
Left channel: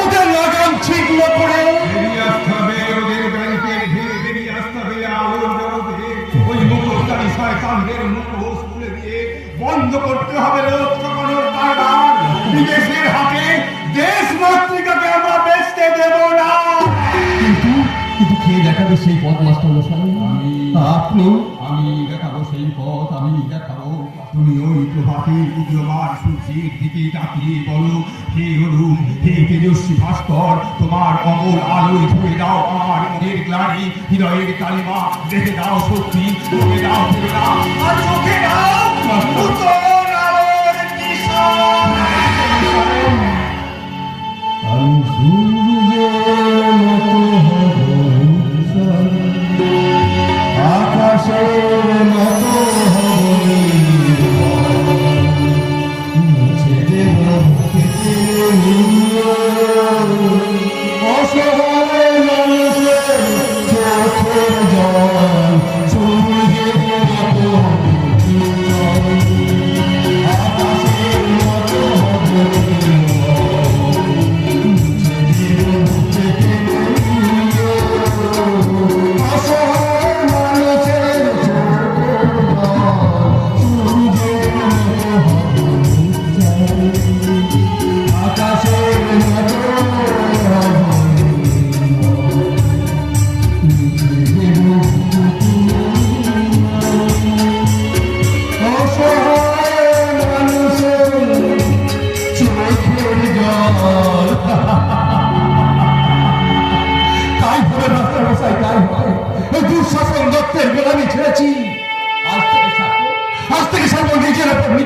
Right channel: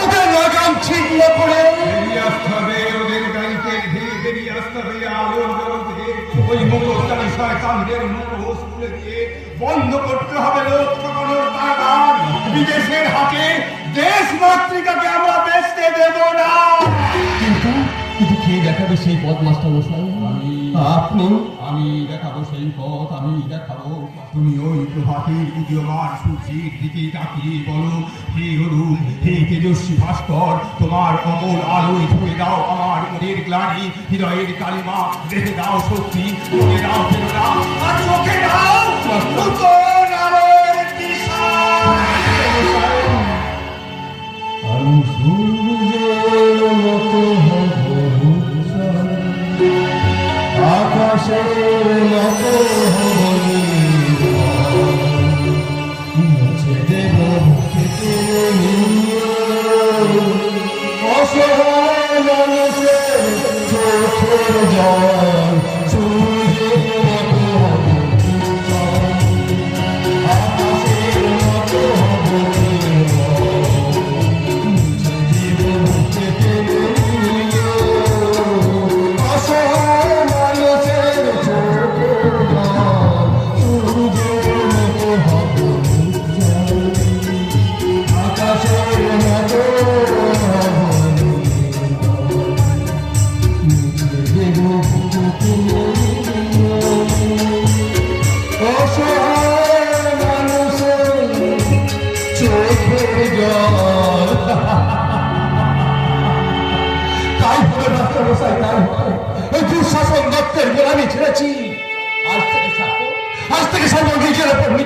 ওদের লাগাম ছিন্ন করে বেরিয়ে আসতে হবে, ওদের ব্যাংকের ভিড় বেরিয়ে আসতে হবে, আলোর জগতে ওই মুখোশধারী শয়তানদের মুখোশ খুলে দিয়ে বন্ধ করতে হবে লোক ঠকানোর কারবার। বিদেশের হাতে দেশ মাতৃকাকে আমরা বেচতে দেব না। কিন্তু কে দেখাবে সেই পথ মাস্টার মশাই? আপনি? আমি দেখাবো সেই পথ, আমি দেখাবো। তুমি ওই প্রভাতের উদীয়মান সূর্যের দিকে তাকিয়ে বলো, হে অরুণ, হে তেজস্বী ভাস্কর, তোমার অমল আলোয় ধরে দাও আমার মনের গ্লানি, হৃদয়ের কালিমা, রেখে দাও শক্তি, চোখে দাও প্রেরণা, আর চোখে দাও নূতন আলোর দিশা। আমি সূর্যের মতো হব উজ্জ্বল, আকাশের মতো হব নির্মল, মুছে দেব কেটে নিয়ে অসহায় মানুষের চোখের জল, সূর্যের মতো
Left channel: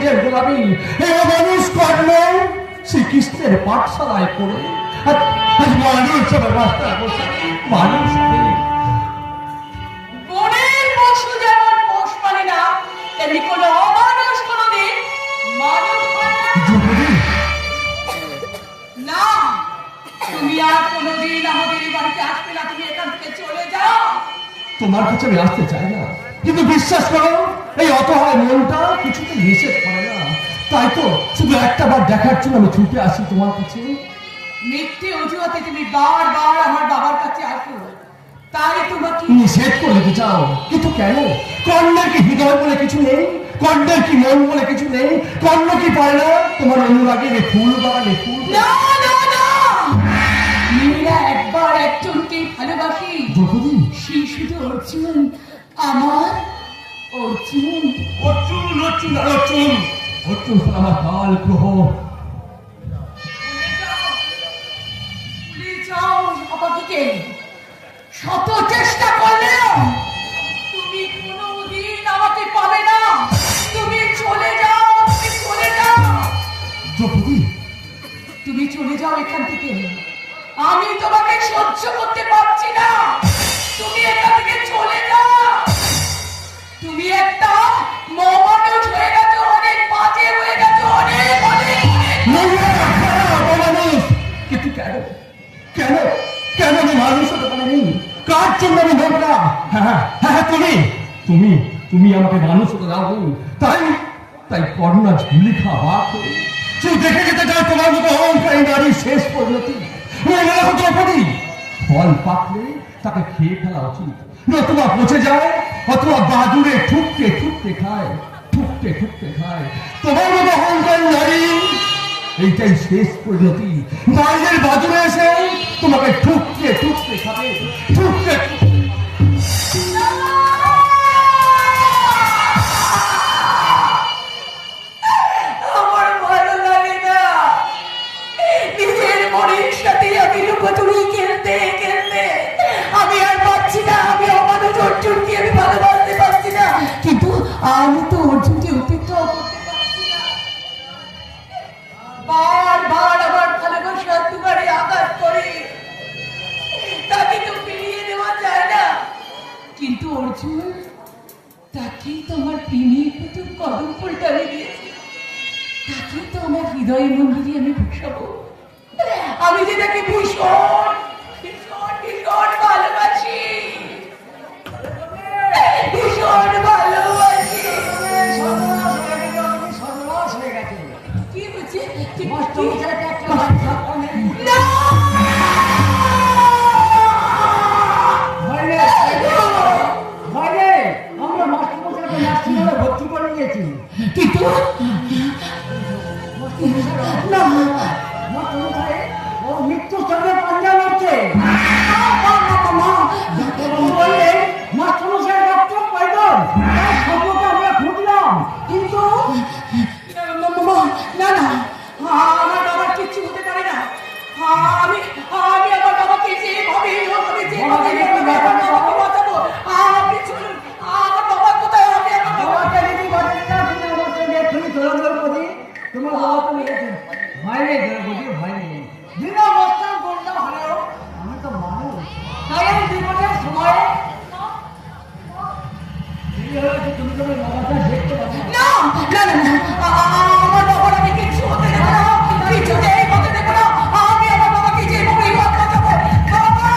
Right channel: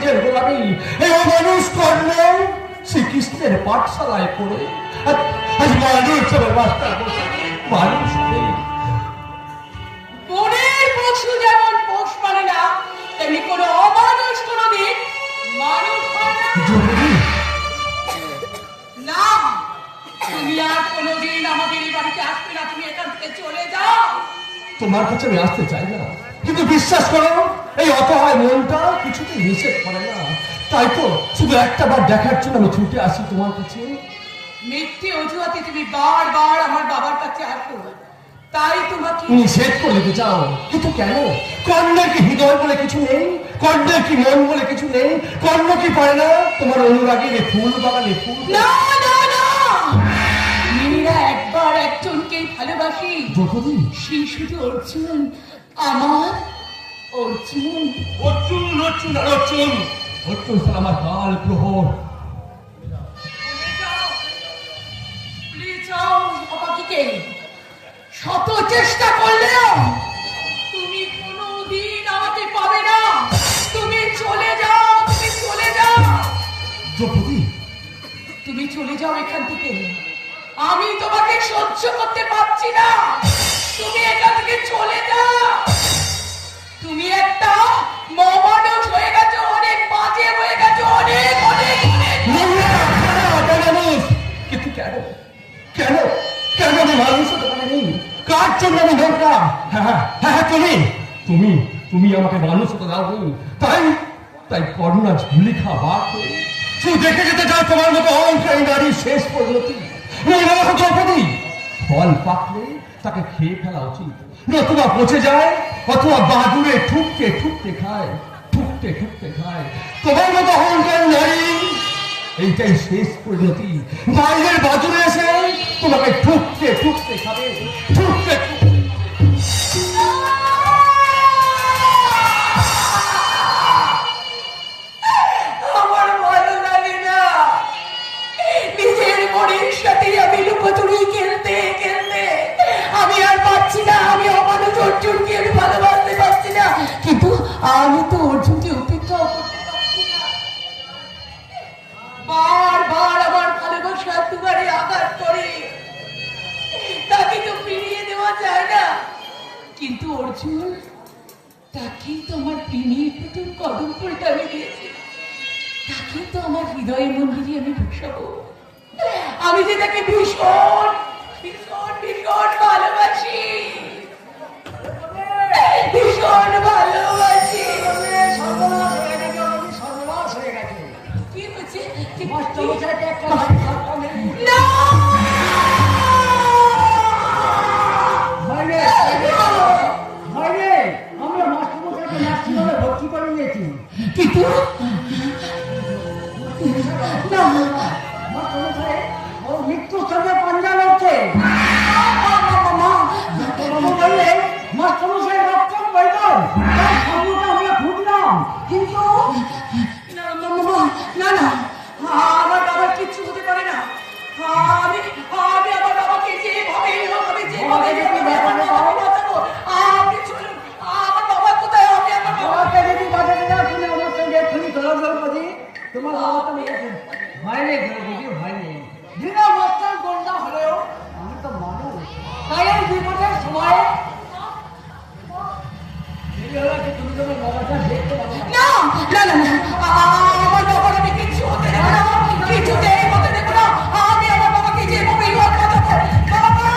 নিজের গোলামি এই অমানুষ কর্ণ শ্রীকৃষ্ণের পাঠশালায় পড়ে আজ মানুষ আমার রাস্তায় বসে মানুষ হয়ে। বনের পশু যেমন পোষ মানে না, তেমনি কোনো অমানুষ কোনোদিন মানুষ হয় না। না, তুমি আর কোনোদিন আমাদের এই বাড়িতে আসবে না, তুমি এখান থেকে চলে যাও। তোমার কাছে আমি আসতে চাই না, কিন্তু বিশ্বাস করো এই অসহায় মনটা কিছুতে নিষেধ করে না। তাই তো শুধু একটা বার দেখার জন্য আমি ছুটে আসি তোমার কাছে। মিথ্যে অজুহাতে তুমি বারবার আমার বাবার কাছে আসো, তাই তোমাকে নিষেধ করে দিতে চাও, কিন্তু কেন? কর্ণের কি হৃদয় বলে কিছু নেই? কর্ণের কি মন বলে কিছু নেই? কর্ণ কি পারে না তোমার অনুরাগে রে ফুল বাগানে ফুল? না না না, মেয়েরা একবার একজনকে ভালোবাসি, দ্রৌপদী, সেই শুধু অর্জুন, আমার অর্জুন। অর্জুন অর্জুন অর্জুন অর্জুন হল আমার বাল প্রহর। ভুলে যাও আমাকে, শত চেষ্টা করলেও তুমি কোনোদিন আমাকে পাবে না। তুমি চলে যাও, তুমি চলে যাও, দ্রৌপদী, তুমি চলে যাও এখান থেকে। আমি তোমাকে সহ্য করতে পারছি না, তুমি এখান থেকে চলে যাও। তুমি একটা মহামানুষ হয়ে গেছো, অনেক বাজে হয়ে গেছো, অনেক অনেক মানুষ। কিন্তু কেন কেন কেন আমি মানুষ হতে পারি? কার জন্য আমি দরকার? হ্যাঁ হ্যাঁ, তুমি তুমি তুমি আমাকে মানুষ হতে দাও। তাই তাই কর্ণা ঝুলি খাওয়া তুই দেখে যেতে চাও তোমার মতো অহংকারী নারীর শেষ পরিণতি। দ্রৌপদী, ফল পাকলে তাকে খেয়ে ফেলা উচিত, নতুবা পচে যায় অথবা বাদুড়ে ঠুকতে ঠুকতে খায়, ঠুকতে ঠুকতে খায়। তোমার মতো অহংকারী নারী এইটাই শেষ পরিণতি। বাইরের বাদুড়ে এসে তোমাকে ঠুকতে ঠুকতে খাবে, ঠুকতে ঠুকতে। আমার ভালো লাগে না, নিজের মনের সাথে আমি লুকোচুরি খেলতে খেলতে আমি আর পাচ্ছি না। আমি অমানুষ অর্জুনকে আমি ভালোবাসতে পারছি না, কিন্তু আমি তো অর্জুনকে উপেক্ষা করতে পারছি না। বারবার আমার ভালোবাসার দুয়ারে আঘাত করে, তাকে তো ফিরিয়ে দেওয়া যায় না। কিন্তু অর্জুন, তাকেই তো আমার প্রেমের প্রথম কদম পল্টাবে দিয়েছে, তাকে তো আমার হৃদয়ের মন্দিরে আমি বসাবো। আমি যে তাকে ভীষণ ভীষণ ভীষণ ভালোবাসি, ভীষণ ভালোবাসি। কি হয়েছে? না! আমরা মাস্টারমশাইকে নার্সিংহোমে ভর্তি করে নিয়েছি। কিন্তু না, মাস্টারমশাই ও মৃত্যুর সঙ্গে পাঞ্জা লড়ছে। ডাক্তারবাবু বললেন মাস্টারমশাই রক্ত প্রয়োজন, তার খবরটা আমরা খুঁজলাম, কিন্তু না না, আমার বাবার কিচ্ছু হতে পারে না। আমি আমি আমার বাবাকে যেভাবে বাঁচাবো। আপনি চলুন, আমার বাবা কোথায়? আমি আমার বাবাকে যদি বাঁচাতে চাও, তুমি আমার সঙ্গে এক্ষুনি দৌড়াদৌড় করি। তোমার বাবা তো মেরেছে। ভয় নেই দ্রৌপদী, ভয় নেই। বিনা বস্ত্র গুন্ডা হলেও আমি তো মানুষ। তাই এই বিপদের সময় দেরি হয়েছে, তুমি তোমার বাবাকে দেখতে পাবে না। না না না, আমার বাবার আমি কিচ্ছু হতে দেবো না, কিছুতেই হতে দেবো না। আমি আমার বাবাকে যেভাবে বাঁচাবো। বাবা,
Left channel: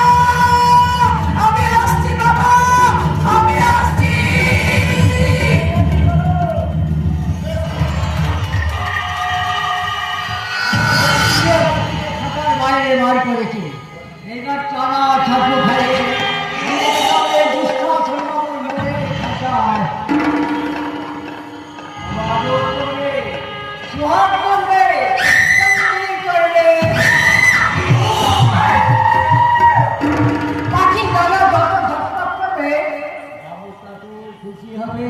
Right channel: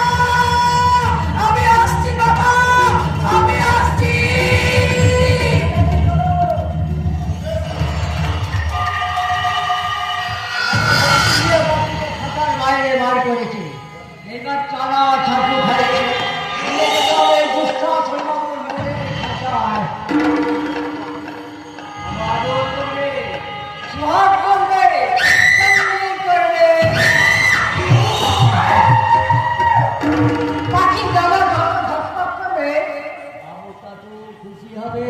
আমি আসছি, বাবা, আমি আসছি। থাকার বাইরে মার করেছি। এবার চারা ছাত্র খাইছে। দুষ্ট সর্বাবর মনে খাঁচায় আদর করবে, সোহাগ করবে, সঙ্গে করবে। পাখির গলা যত ঝটপট করবে, বাবু তাতে খুশি হবে।